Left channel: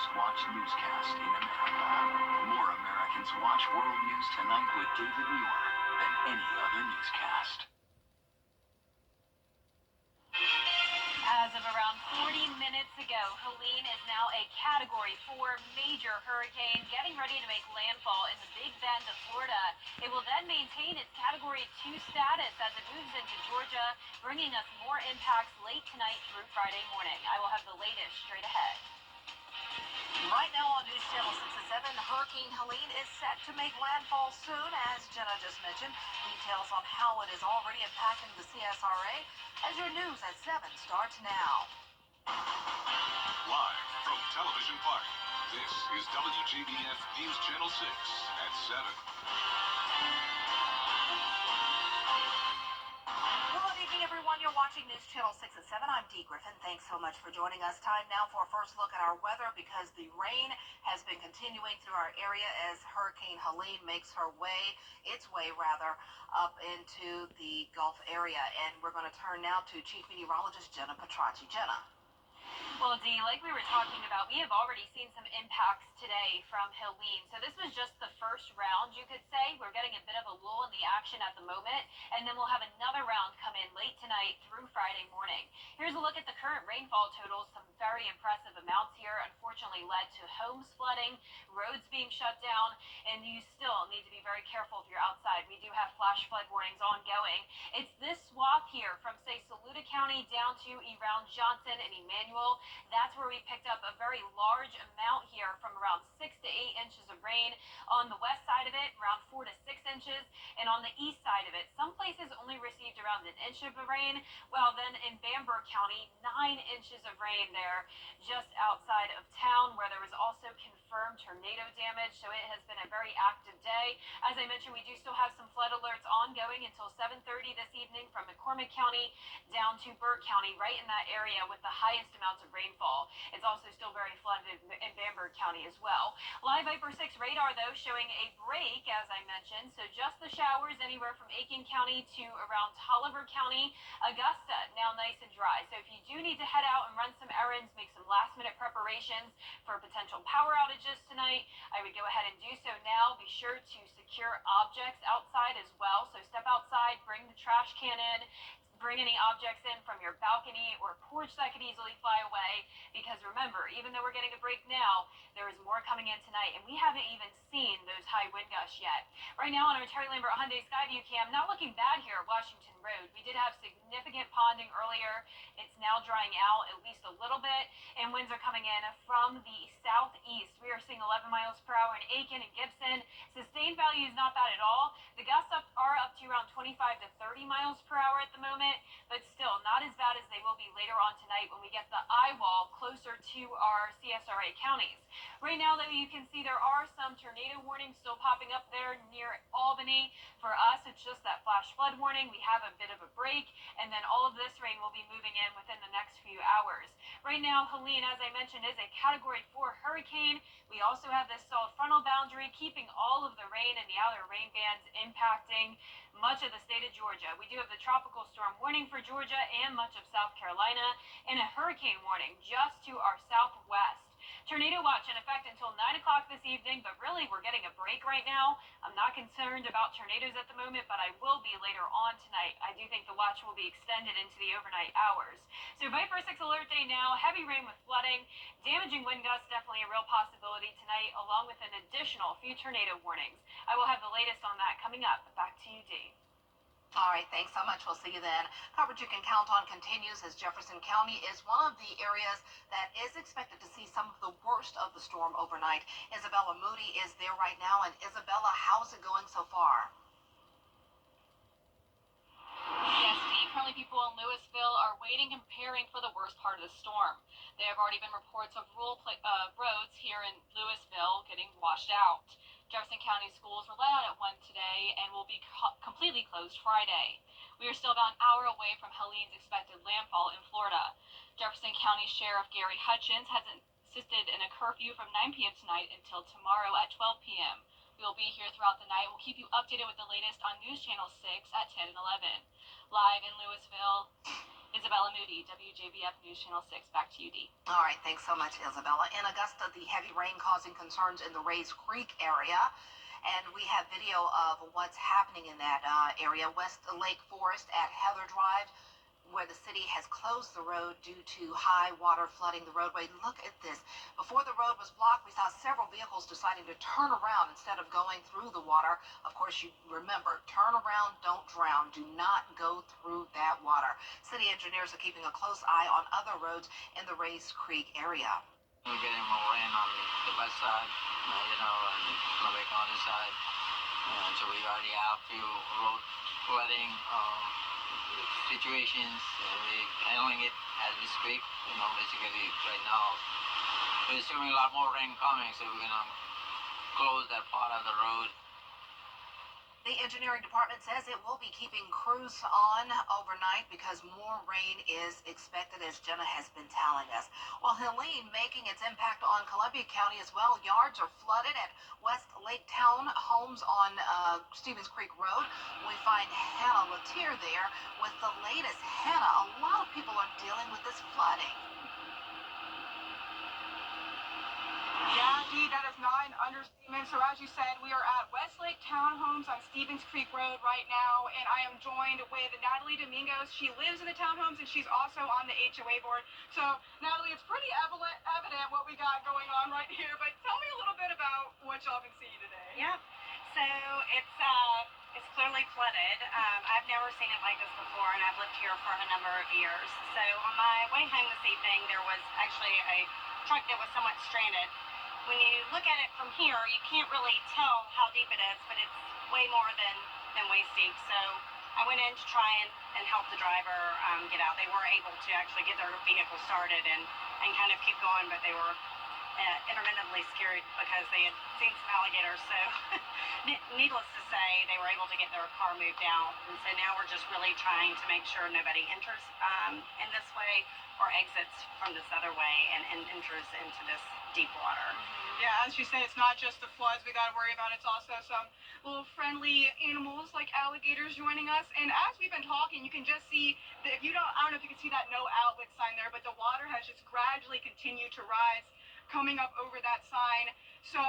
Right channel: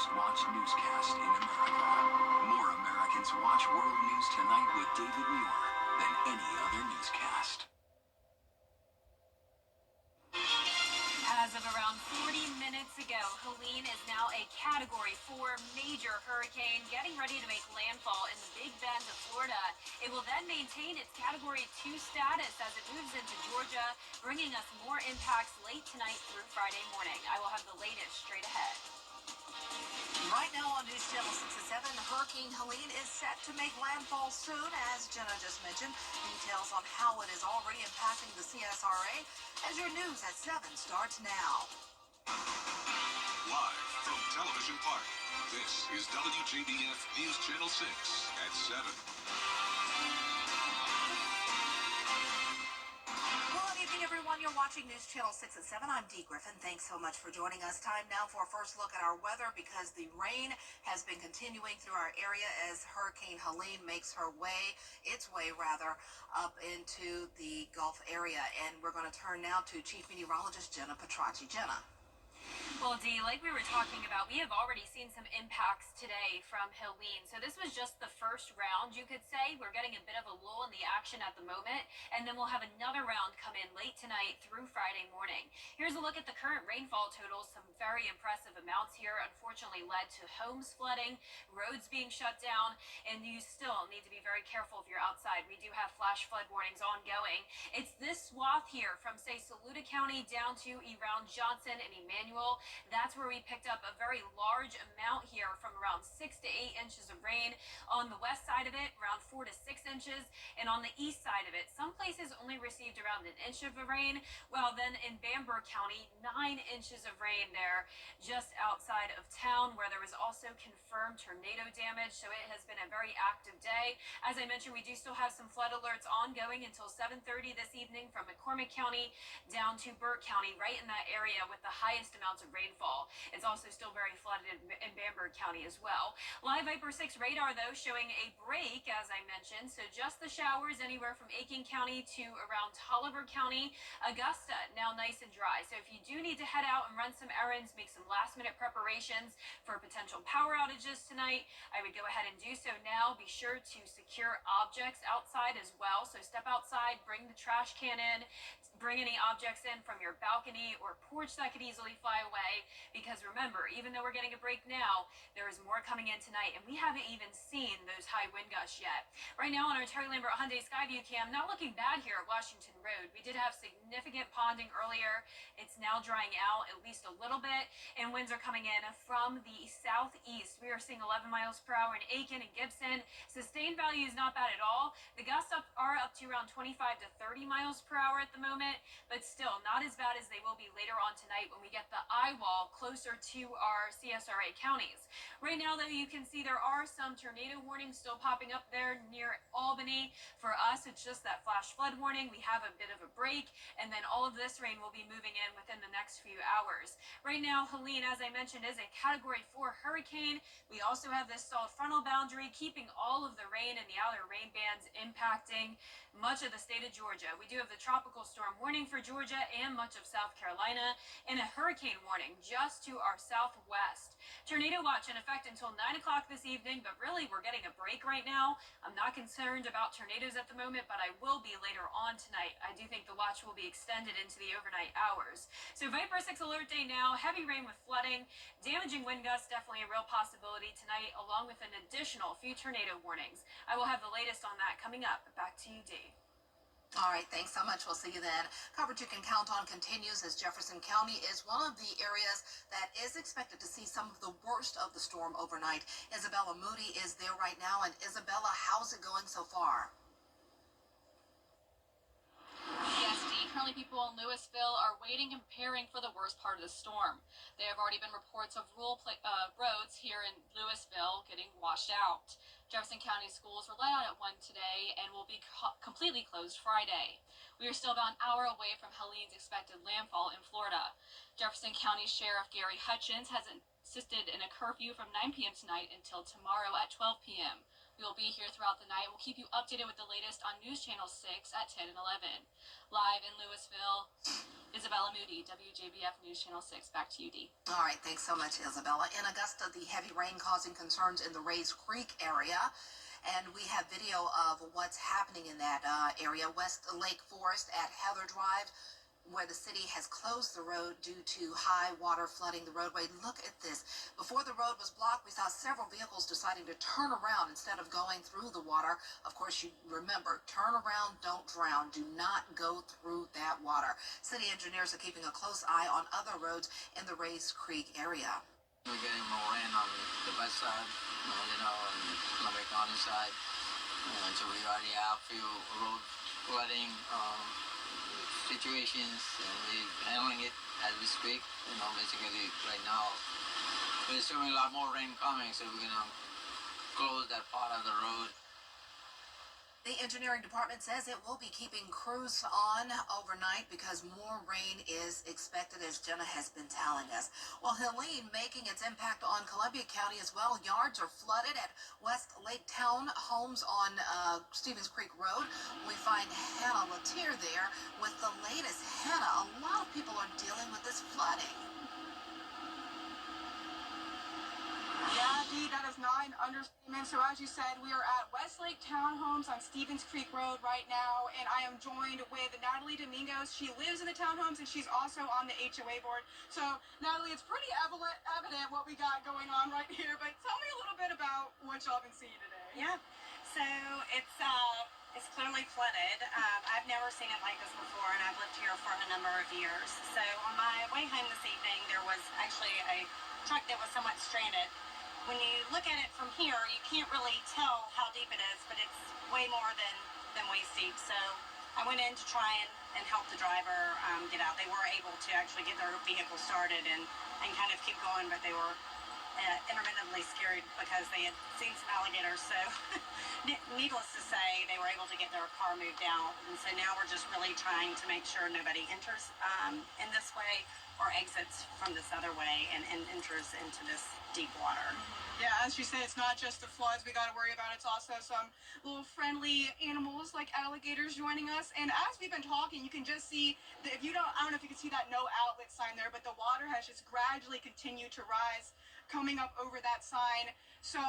most watched newscast in America. More Americans watch World News Tonight with David Muir than any other newscast. As of around 40 minutes ago, Helene is now a Category 4 major hurricane getting ready to make landfall in the Big Bend of Florida. It will then maintain its Category 2 status as it moves into Georgia, bringing us more impacts late tonight through Friday morning. I will have the latest straight ahead. Right now on News Channel 6 and 7, Hurricane Helene is set to make landfall soon, as Jenna just mentioned. Details on how it is already impacting the CSRA as your news at 7 starts now. Live from Television Park, this is WJBF News Channel 6 at 7. Everyone, you're watching News Channel 6 at 7. I'm Dee Griffin. Thanks so much for joining us. Time now for a first look at our weather because the rain has been continuing through our area as Hurricane Helene makes its way up into the Gulf area. And we're going to turn now to Chief Meteorologist Jenna Petracci. Jenna. Well, Dee, like we were talking about, we have already seen some impacts today from Helene. So this was just the first round, you could say. We're getting a bit of a lull in the action at the moment, and then we'll have another round come in late tonight through Friday morning. Here's a look at the current rainfall totals. Some very impressive amounts here unfortunately led to homes flooding, roads being shut down, and you still need to be very careful if you're outside. We do have flash flood warnings ongoing. It's this swath here from, say, Saluda County down to around Johnson and Emmanuel. That's where we picked up a very large amount here from around 6 to 8 inches of rain. On the west side of it, around 4 to 6 inches. And on the east side of it, some places only received around an inch of rain. Well, then in Bamberg County, 9 inches of rain there just outside of town, where there was also confirmed tornado damage. So it has been a very active day. As I mentioned, we do still have some flood alerts ongoing until 7:30 this evening from McCormick County down to Burke County, right in that area with the highest amounts of rainfall. It's also still very flooded in Bamberg County as well. Live Viper 6 radar, though, showing a break, as I mentioned. So just the showers anywhere from Aiken County to around Tolliver County. Augusta, now nice and dry. So if you do need to head out and run some errands, make some last-minute preparations for potential power outages tonight, I would go ahead and do so now. Be sure to secure objects outside as well. So step outside, bring the trash can in, bring any objects in from your balcony or porch that could easily fly away, because remember, even though we're getting a break now, there is more coming in tonight, and we haven't even seen those high wind gusts yet. Right now on our Terry Lambert Hyundai Skyview cam, not looking bad here at Washington Road. We did have significant ponding earlier. It's now drying out at least a little bit, and winds are coming in from the southeast. We are seeing 11 miles per hour in Aiken and Gibson. Sustained value is not bad at all. The gusts are up to around 25 to 30 miles per hour at the moment, but still not as bad as they will be later on tonight when we get the eye wall closer to our CSRA counties. Right now, though, you can see there are some tornado warnings still popping up there near Albany. For us, it's just that flash flood warning. We have a bit of a break, and then all of this rain will be moving in within the next few hours. Right now, Helene, as I mentioned, is a Category 4 hurricane. We also have this solid frontal boundary keeping all of the rain and the outer rain bands impacting much of the state of Georgia. We do have the tropical storm warning for Georgia and much of South Carolina, and a hurricane warning just to our southwest. Tornado watch in effect until 9 o'clock this evening, but really we're getting a break right now. I'm not concerned about tornadoes at the moment, but I will be later on tonight. I do think the watch will be extended into the overnight hours. So Viper 6 alert day now, heavy rain with flooding, damaging wind gusts, definitely a real possibility tonight, along with an additional few tornado warnings. I will have the latest on that coming up. Back to you, Dee. All right, thanks so much. We'll see you then. Coverage you can count on continues as Jefferson County is one of the areas that is expected to see some of the worst of the storm overnight. Isabella Moody is there right now. And Isabella, how's it going so far? Yes, Dee. Currently, people in Louisville are waiting and preparing for the worst part of the storm. There have already been reports of rural roads here in Louisville getting washed out. Jefferson County schools were let out at 1 today and will be completely closed Friday. We are still about an hour away from Helene's expected landfall in Florida. Jefferson County Sheriff Gary Hutchins has insisted in a curfew from 9 p.m. tonight until tomorrow at 12 p.m. We'll be here throughout the night. We'll keep you updated with the latest on News Channel 6 at 10 and 11. Live in Louisville, Isabella Moody, WJBF News Channel 6. Back to you, Dee. All right, thanks so much, Isabella. In Augusta, the heavy rain causing concerns in the Rays Creek area. And we have video of what's happening in that area. West Lake Forest at Heather Drive, where the city has closed the road due to high water flooding the roadway. Look at this. Before the road was blocked, we saw several vehicles deciding to turn around instead of going through the water. Of course, you remember, turn around, don't drown. Do not go through that water. City engineers are keeping a close eye on other roads in the Rays Creek area. We're getting more rain on the west side, and Columbia County side. And so we already have a few road flooding situations, and we're handling it as we speak. Basically right now, we're assuming a lot more rain coming, so we're gonna close that part of the road. The engineering department says it will be keeping crews on overnight because more rain is expected, as Jenna has been telling us. Well, Helene making its impact on Columbia County as well. Yards are flooded at West Lake Town homes on Stevens Creek Road. We find Hannah Latier there with the latest. Hannah, a lot of people are dealing with this flooding. Yeah, Dee, that is not an understatement. So as you said, we are at Westlake Townhomes on Stevens Creek Road right now, and I am joined with Natalie Domingos. She lives in the townhomes, and she's also on the HOA board. So, Natalie, it's pretty evident what we got going on right here, but tell me a little bit about what y'all been seeing today. Yeah, so it's clearly flooded. I've never seen it like this before, and I've lived here for a number of years. So on my way home this evening, there was actually a truck that was somewhat stranded. When you look at it from here, you can't really tell how deep it is, but it's way more than waist deep. So I went in to try and help the driver get out. They were able to actually get their vehicle started and kind of keep going, but they were intermittently scared because they had seen some alligators. So needless to say, they were able to get their car moved out. And so now we're just really trying to make sure nobody enters in this way or exits from this other way and enters into this deep water. Yeah, as you say, it's not just the floods we got to worry about. It's also some little friendly animals like alligators joining us. And as we've been talking, you can just see that I don't know if you can see that no outlet sign there, but the water has just gradually continued to rise coming up over that sign. So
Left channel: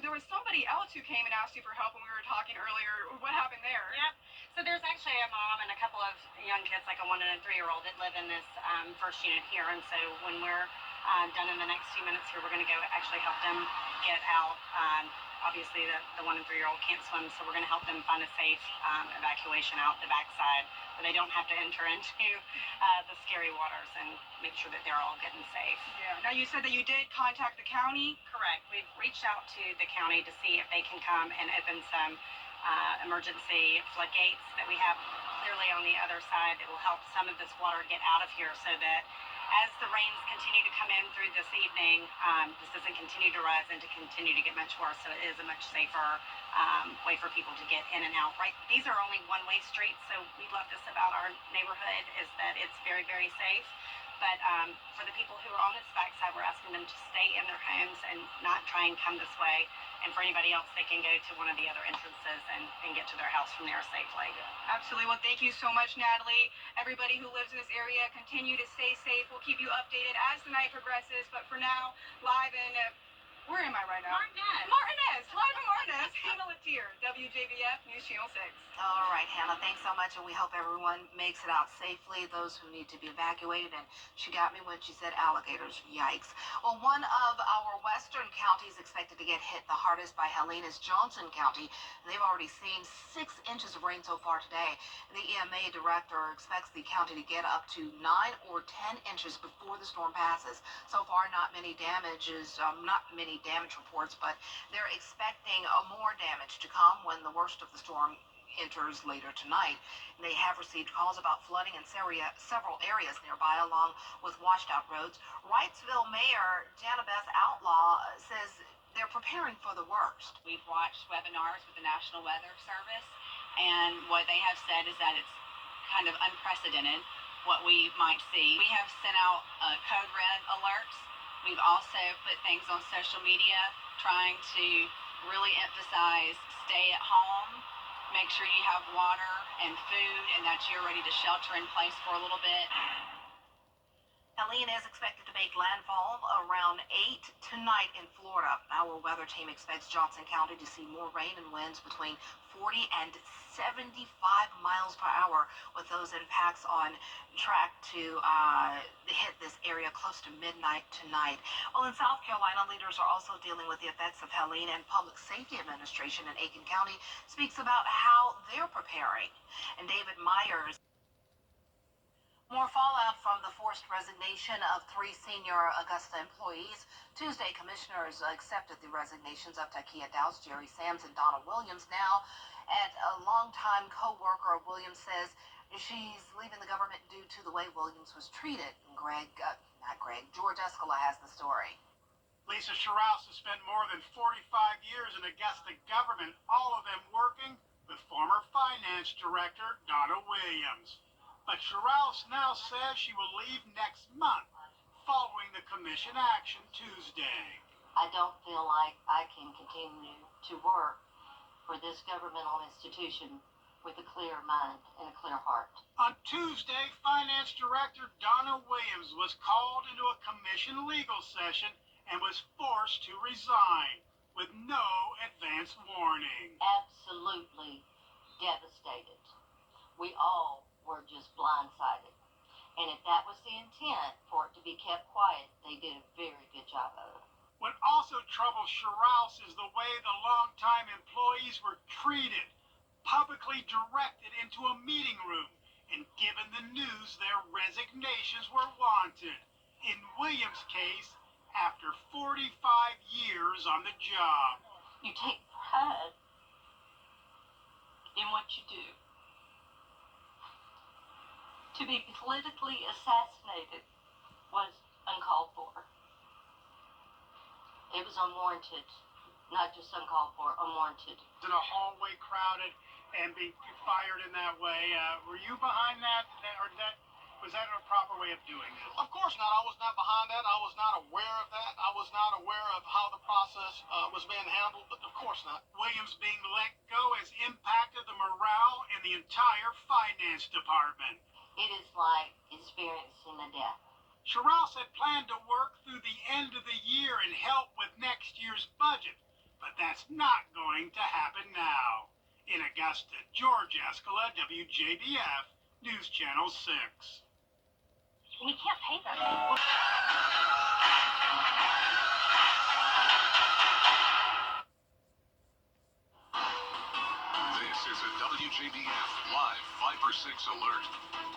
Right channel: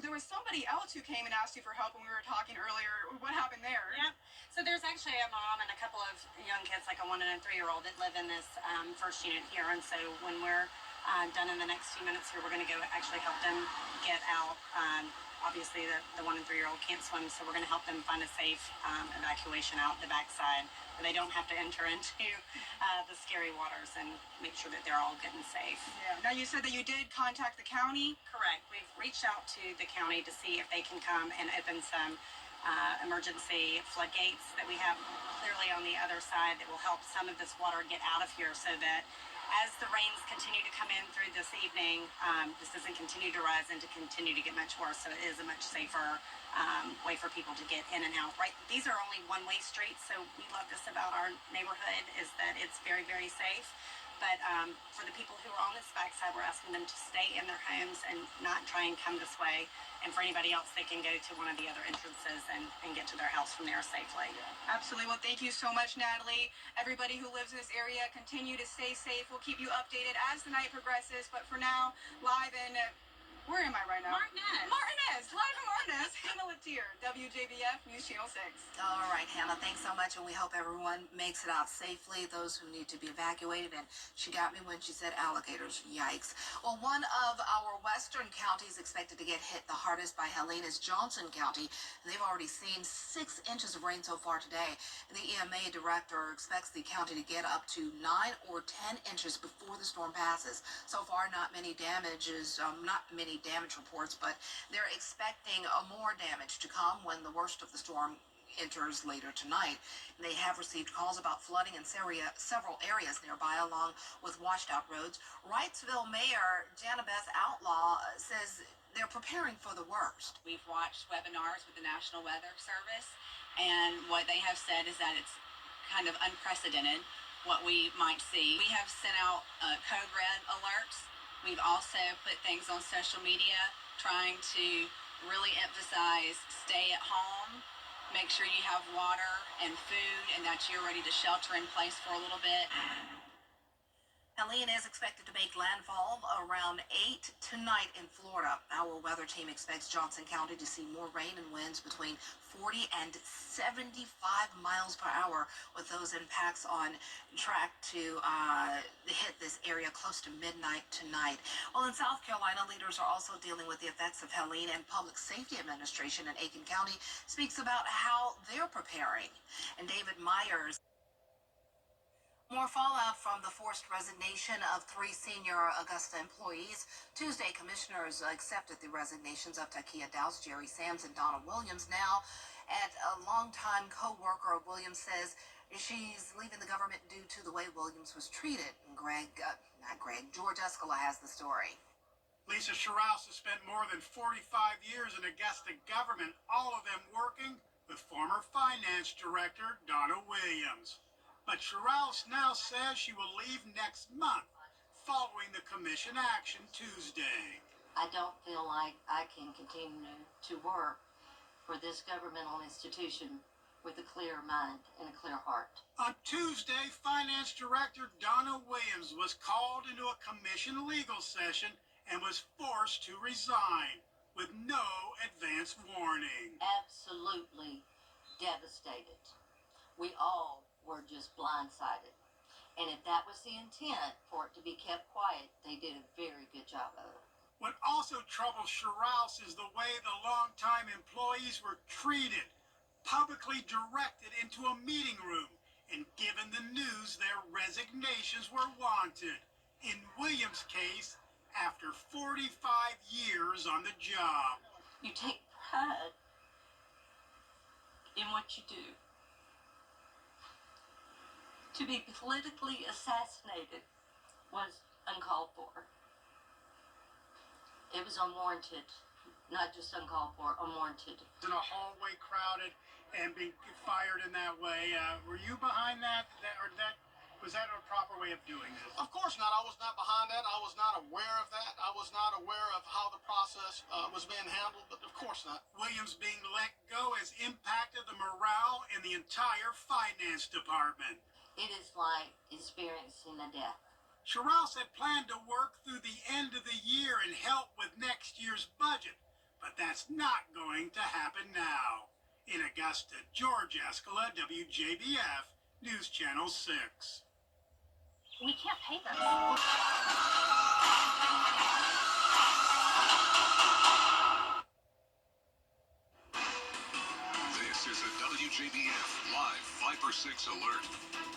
there was somebody else who came and asked you for help when we were talking earlier. What happened there? Yeah. So there's actually a mom and a couple of young kids, like a 1 and a 3-year-old, that live in this first unit here. And so when we're done in the next few minutes here, we're going to go actually help them get out. Obviously, the 1 and 3-year-old can't swim, so we're going to help them find a safe evacuation out the backside, where they don't have to enter into the scary waters, and make sure that they're all good and safe. Yeah. Now, you said that you did contact the county. Correct. We've reached out to the county to see if they can come and open some emergency floodgates that we have clearly on the other side that will help some of this water get out of here, so that as the rains continue to come in through this evening, this doesn't continue to rise and to continue to get much worse. So it is a much safer way for people to get in and out. Right, these are only one-way streets, so we love this about our neighborhood, is that it's very, very safe. But for the people who are on this backside, we're asking them to stay in their homes and not try and come this way. And for anybody else, they can go to one of the other entrances and get to their house from there safely. Absolutely. Well, thank you so much, Natalie. Everybody who lives in this area, continue to stay safe. We'll keep you updated as the night progresses. But for now, live in where am I right now? Martinez. Live in Martinez. Hannah Latier, WJBF News Channel 6. All right, Hannah, thanks so much, and we hope everyone makes it out safely, those who need to be evacuated. And she got me when she said alligators. Yikes. Well, one of our western counties expected to get hit the hardest by Helene is Johnson County. They've already seen 6 inches of rain so far today. The EMA director expects the county to get up to 9 or 10 inches before the storm passes. So far, not many damage reports, but they're expecting more damage to come when the worst of the storm enters later tonight. They have received calls about flooding in several areas nearby, along with washed out roads. Wrightsville Mayor Janabeth Outlaw says they're preparing for the worst. We've watched webinars with the National Weather Service, and what they have said is that it's kind of unprecedented what we might see. We have sent out code red alerts. We've also put things on social media trying to really emphasize stay at home, make sure you have water and food, and that you're ready to shelter in place for a little bit. Helene is expected to make landfall around 8 tonight in Florida. Our weather team expects Johnson County to see more rain and winds between 40 and 75 miles per hour, with those impacts on track to hit this area close to midnight tonight. Well, in South Carolina, leaders are also dealing with the effects of Helene, and Public Safety Administration in Aiken County speaks about how they're preparing. And David Myers. More fallout from the forced resignation of 3 senior Augusta employees. Tuesday, commissioners accepted the resignations of Takia Dowse, Jerry Sams, and Donna Williams. Now, at a longtime co-worker, Williams says she's leaving the government due to the way Williams was treated. And George Escala has the story. Lisa Sherrouse has spent more than 45 years in Augusta government, all of them working with former finance director Donna Williams. But Sherrouse now says she will leave next month, following the commission action Tuesday. I don't feel like I can continue to work for this governmental institution with a clear mind and a clear heart. On Tuesday, Finance Director Donna Williams was called into a commission legal session and was forced to resign with no advance warning. Absolutely devastated. We all were just blindsided. And if that was the intent for it to be kept quiet, they did a very good job of it. What also troubles Sherrouse is the way the longtime employees were treated, publicly directed into a meeting room and given the news their resignations were wanted. In Williams' case, after 45 years on the job. You take pride in what you do. To be politically assassinated was uncalled for. It was unwarranted, not just uncalled for, unwarranted. In a hallway crowded and being fired in that way, were you behind that? Was that a proper way of doing this? Of course not. I was not behind that. I was not aware of that. I was not aware of how the process was being handled, but of course not. Williams being let go has impacted the morale in the entire finance department. It is like experiencing a death. Sherrouse had planned to work through the end of the year and help with next year's budget, but that's not going to happen now. In Augusta, George Escala, WJBF, News Channel 6. We can't pay them. This is a WJBF Live 5 for 6 alert.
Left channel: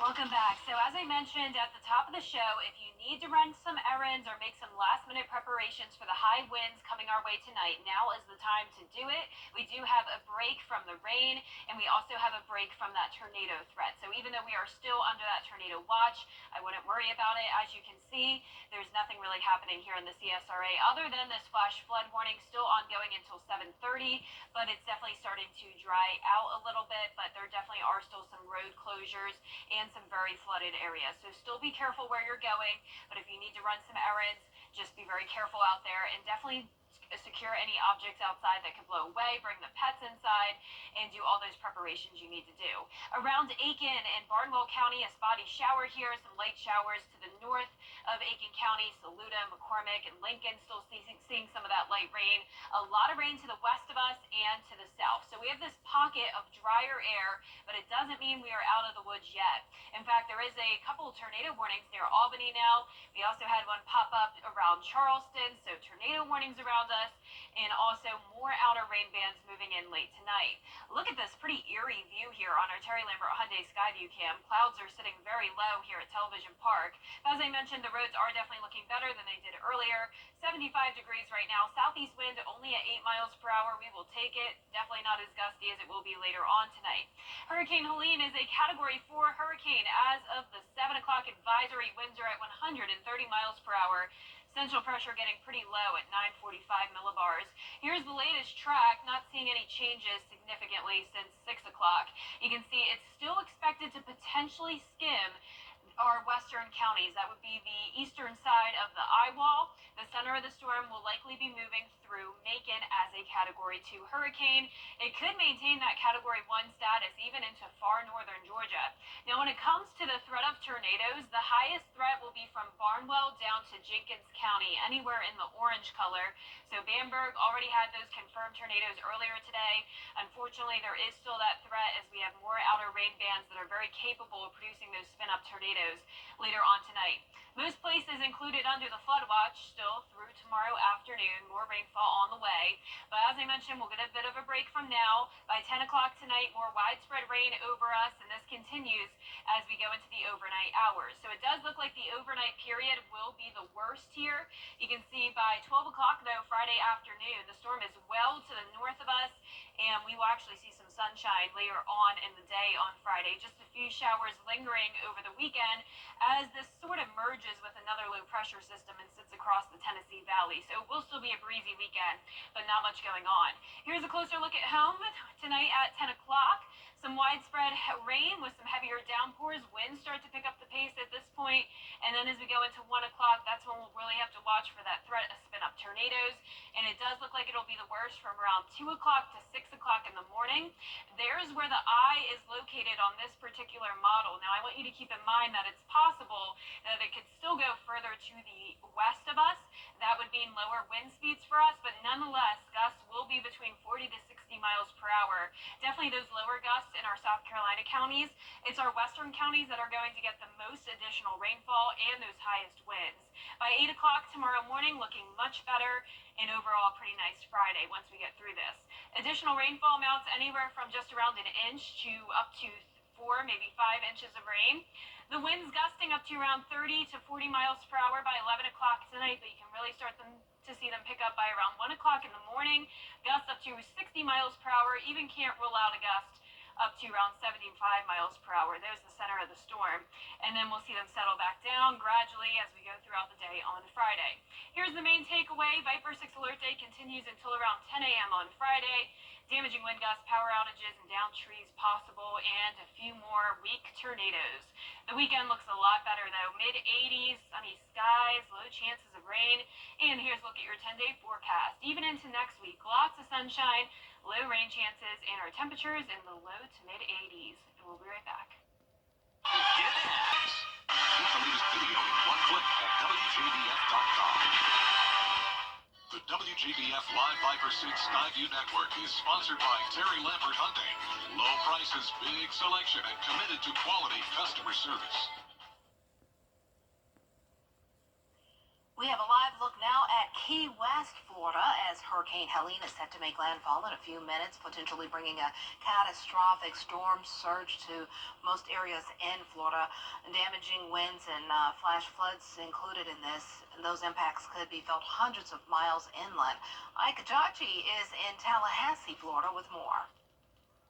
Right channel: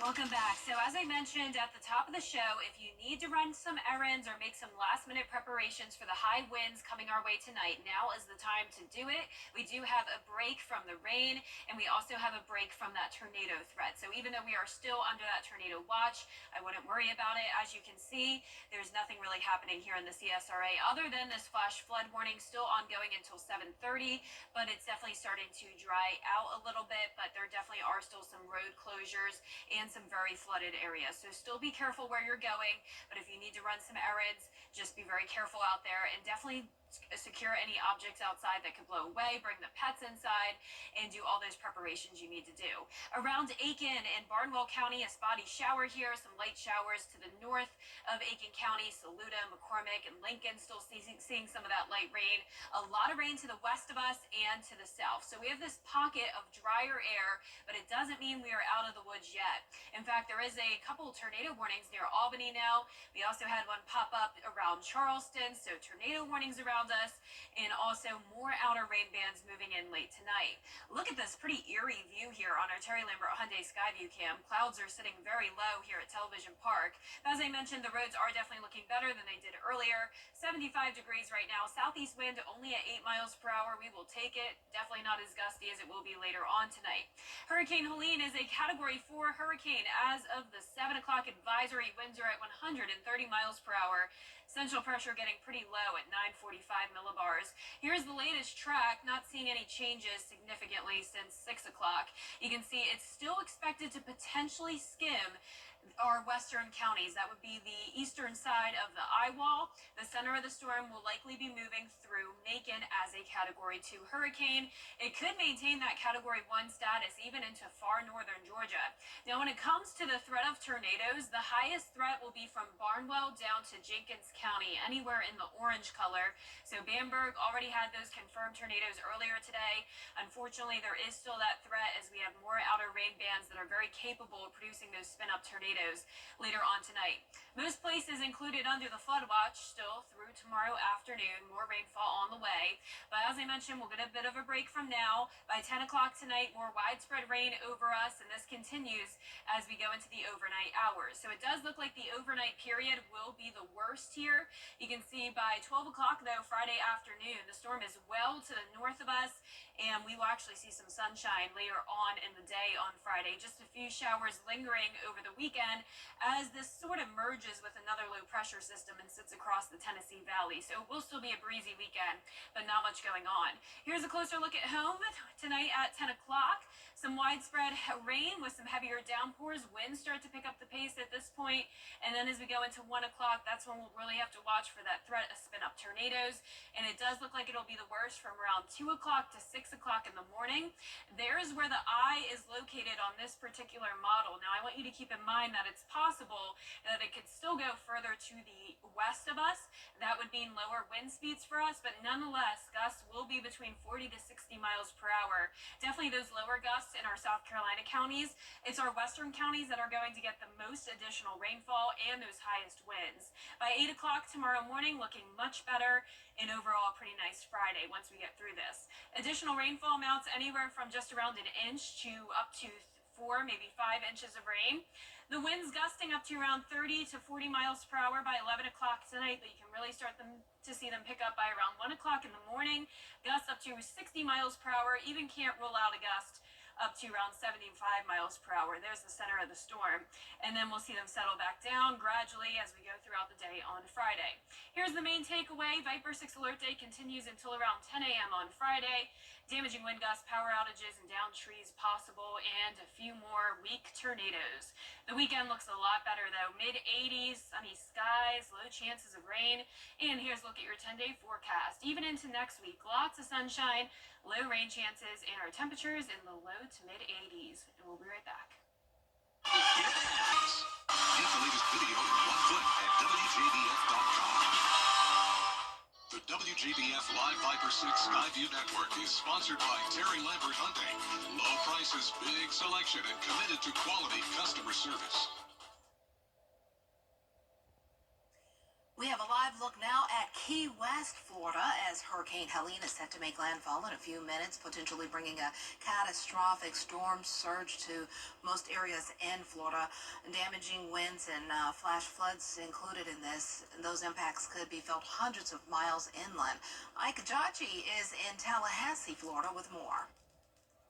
Welcome back. So as I mentioned at the top of the show, if you need to run some errands or make some last-minute preparations for the high winds coming our way tonight, now is the time to do it. We do have a break from the rain, and we also have a break from that tornado threat. So even though we are still under that tornado watch, I wouldn't worry about it. As you can see, there's nothing really happening here in the CSRA other than this flash flood warning still ongoing until 7:30, but it's definitely starting to dry out a little bit, but there definitely are still some road closures and some very flooded areas. So still be careful where you're going, but if you need to run some errands, just be very careful out there and definitely secure any objects outside that could blow away, bring the pets inside, and do all those preparations you need to do. Around Aiken and Barnwell County, a spotty shower here, some light showers to the north of Aiken County, Saluda, McCormick, and Lincoln still seeing some of that light rain. A lot of rain to the west of us and to the south. So we have this pocket of drier air, but it doesn't mean we are out of the woods yet. In fact, there is a couple tornado warnings near Albany now. We also had one pop up around Charleston, so tornado warnings around us, and also more outer rain bands moving in late tonight. Look at this pretty eerie view here on our Terry Lambert Hyundai Skyview cam. Clouds are sitting very low here at Television Park. As I mentioned, the roads are definitely looking better than they did earlier. 75 degrees right now. Southeast wind only at 8 miles per hour. We will take it. Definitely not as gusty as it will be later on tonight. Hurricane Helene is a Category 4 hurricane. As of the 7 o'clock advisory, winds are at 130 miles per hour. Central pressure getting pretty low at 945 millibars. Here's the latest track, not seeing any changes significantly since 6 o'clock. You can see it's still expected to potentially skim our western counties. That would be the eastern side of the eye wall. The center of the storm will likely be moving through Macon as a Category 2 hurricane. It could maintain that Category 1 status even into far northern Georgia. Now, when it comes to the threat of tornadoes, the highest threat will be from Barnwell down to Jenkins County, anywhere in the orange color. So Bamberg already had those confirmed tornadoes earlier today. Unfortunately, there is still that threat as we have more outer rain bands that are very capable of producing those spin-up tornadoes later on tonight. Most places included under the flood watch still through tomorrow afternoon. More rainfall on the way. But as I mentioned, we'll get a bit of a break from now. By 10 o'clock tonight, more widespread rain over us, and this continues as we go into the overnight hours. So it does look like the overnight period will be the worst here. You can see by 12 o'clock, though, Friday afternoon, the storm is well to the north of us, and we will actually see some sunshine later on in the day on Friday. Just a few showers lingering over the weekend as this sort of merges with another low pressure system and sits across the Tennessee Valley. So it will still be a breezy weekend, but not much going on. Here's a closer look at home tonight at 10 o'clock. Some widespread rain with some heavier downpours. Winds start to pick up the pace at this point. And then as we go into 1 o'clock, that's when we'll really have to watch for that threat of spin-up tornadoes. And it does look like it'll be the worst from around 2 o'clock to 6 o'clock in the morning. There's where the eye is located on this particular model. Now, I want you to keep in mind that it's possible that it could still go further to the west of us. That would mean lower wind speeds for us, but nonetheless, gusts will be between 40 to 60 miles per hour. Definitely those lower gusts in our South Carolina counties. It's our western counties that are going to get the most additional rainfall and those highest winds. By 8 o'clock tomorrow morning, looking much better, and overall pretty nice Friday once we get through this. Additional rainfall amounts anywhere from just around an inch to up to 4, maybe 5 inches of rain. The winds gusting up to around 30 to 40 miles per hour by 11 o'clock tonight, but you can really start to see them pick up by around 1 o'clock in the morning. Gusts up to 60 miles per hour. Even can't rule out a gust up to around 75 miles per hour. There's the center of the storm. And then we'll see them settle back down gradually as we go throughout the day on Friday. Here's the main takeaway. Viper 6 alert day continues until around 10 a.m. on Friday. Damaging wind gusts, power outages, and downed trees possible, and a few more weak tornadoes. The weekend looks a lot better, though. Mid-80s, sunny skies, low chances of rain. And here's a look at your 10-day forecast. Even into next week, lots of sunshine, low rain chances, and our temperatures in the low to mid-80s. And we'll be right back. Get it! Get the latest video in one click at WJBF.com. The WJBF Live Viper 6 Skyview Network is sponsored by Terry Lambert Hyundai. Low prices, big selection, and committed to quality customer service. We have a live look now at Key West, Florida, as Hurricane Helene is set to make landfall in a few minutes, potentially bringing a catastrophic storm surge to most areas in Florida. Damaging winds and flash floods included in this. Those impacts could be felt hundreds of miles inland. Ike Jachi is in Tallahassee, Florida, with more.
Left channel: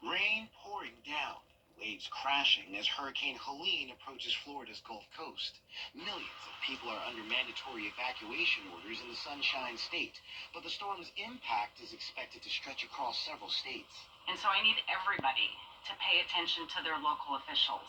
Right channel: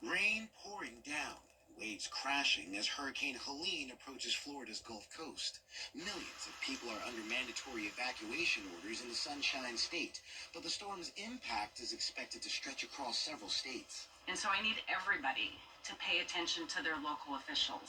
Rain pouring down. Waves crashing as Hurricane Helene approaches Florida's Gulf Coast. Millions of people are under mandatory evacuation orders in the Sunshine State, but the storm's impact is expected to stretch across several states. And so I need everybody to pay attention to their local officials.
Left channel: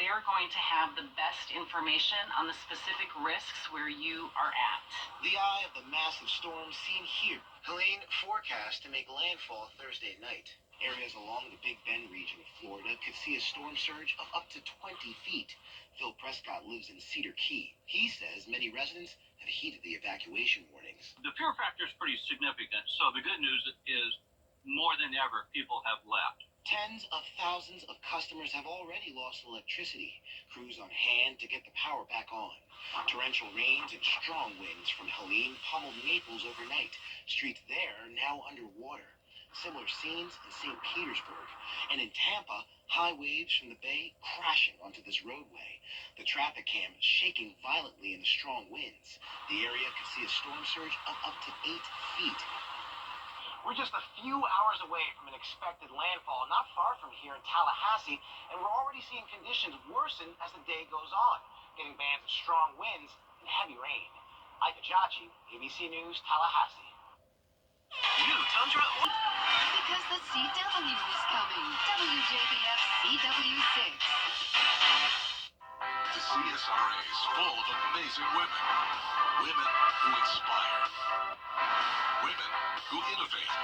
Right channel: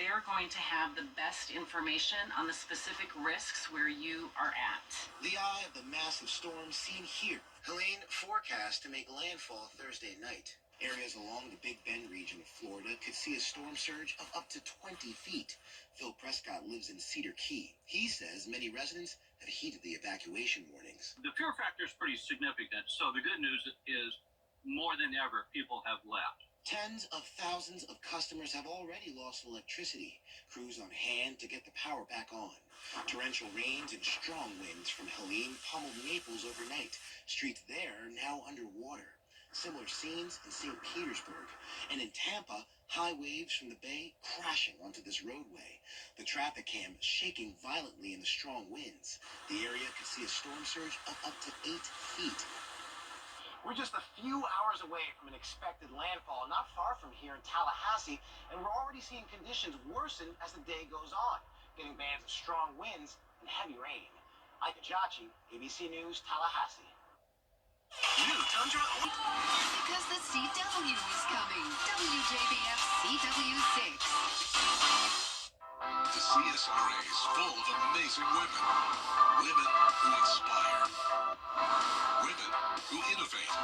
They're going to have the best information on the specific risks where you are at. The eye of the massive storm seen here. Helene forecast to make landfall Thursday night. Areas along the Big Bend region of Florida could see a storm surge of up to 20 feet. Phil Prescott lives in Cedar Key. He says many residents have heeded the evacuation warnings. The fear factor is pretty significant, so the good news is more than ever people have left. Tens of thousands of customers have already lost electricity. Crews on hand to get the power back on. Torrential rains and strong winds from Helene pummeled Naples overnight. Streets there now underwater. Similar scenes in St. Petersburg. And in Tampa, high waves from the bay crashing onto this roadway. The traffic cam shaking violently in the strong winds. The area could see a storm surge of up to 8 feet. We're just a few hours away from an expected landfall, not far from here in Tallahassee, and we're already seeing conditions worsen as the day goes on, getting bands of strong winds and heavy rain. Ike Jachi, ABC News, Tallahassee. New Tundra. Because the CW is coming. WJBF CW6. To CSRA's full of amazing women. Women who inspire. Women who innovate.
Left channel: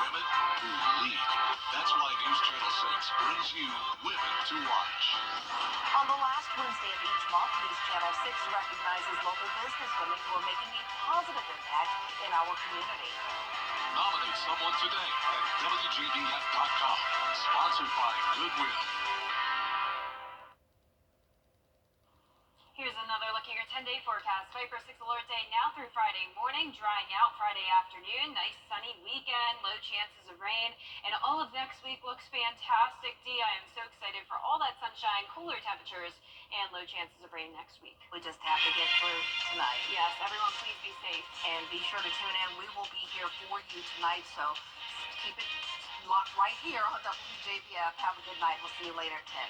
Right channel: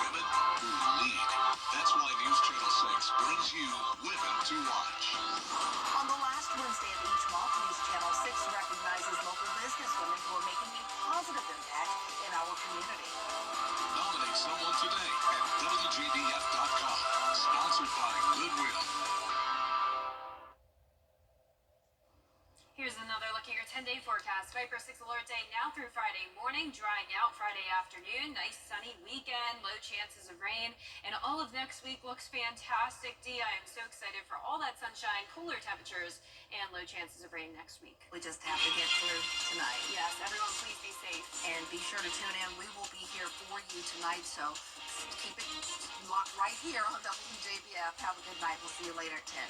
Women who lead. That's why News Channel 6 brings you Women to Watch. On the last Wednesday of each month, News Channel 6 recognizes local businesswomen who are making a positive impact in our community. Nominate someone today at WJBF.com. Sponsored by Goodwill. Here's another look at your 10-day forecast. Viper 6 alert day now through Friday morning, drying out Friday afternoon. Nice sunny weekend, low chances of rain, and all of next week looks fantastic. Dee, I am so excited for all that sunshine, cooler temperatures, and low chances of rain next week. We just have to get through tonight. Yes, everyone please be safe. And be sure to tune in. We will be here for you tonight, so keep it locked right here on WJBF. Have a good night. We'll see you later at 10.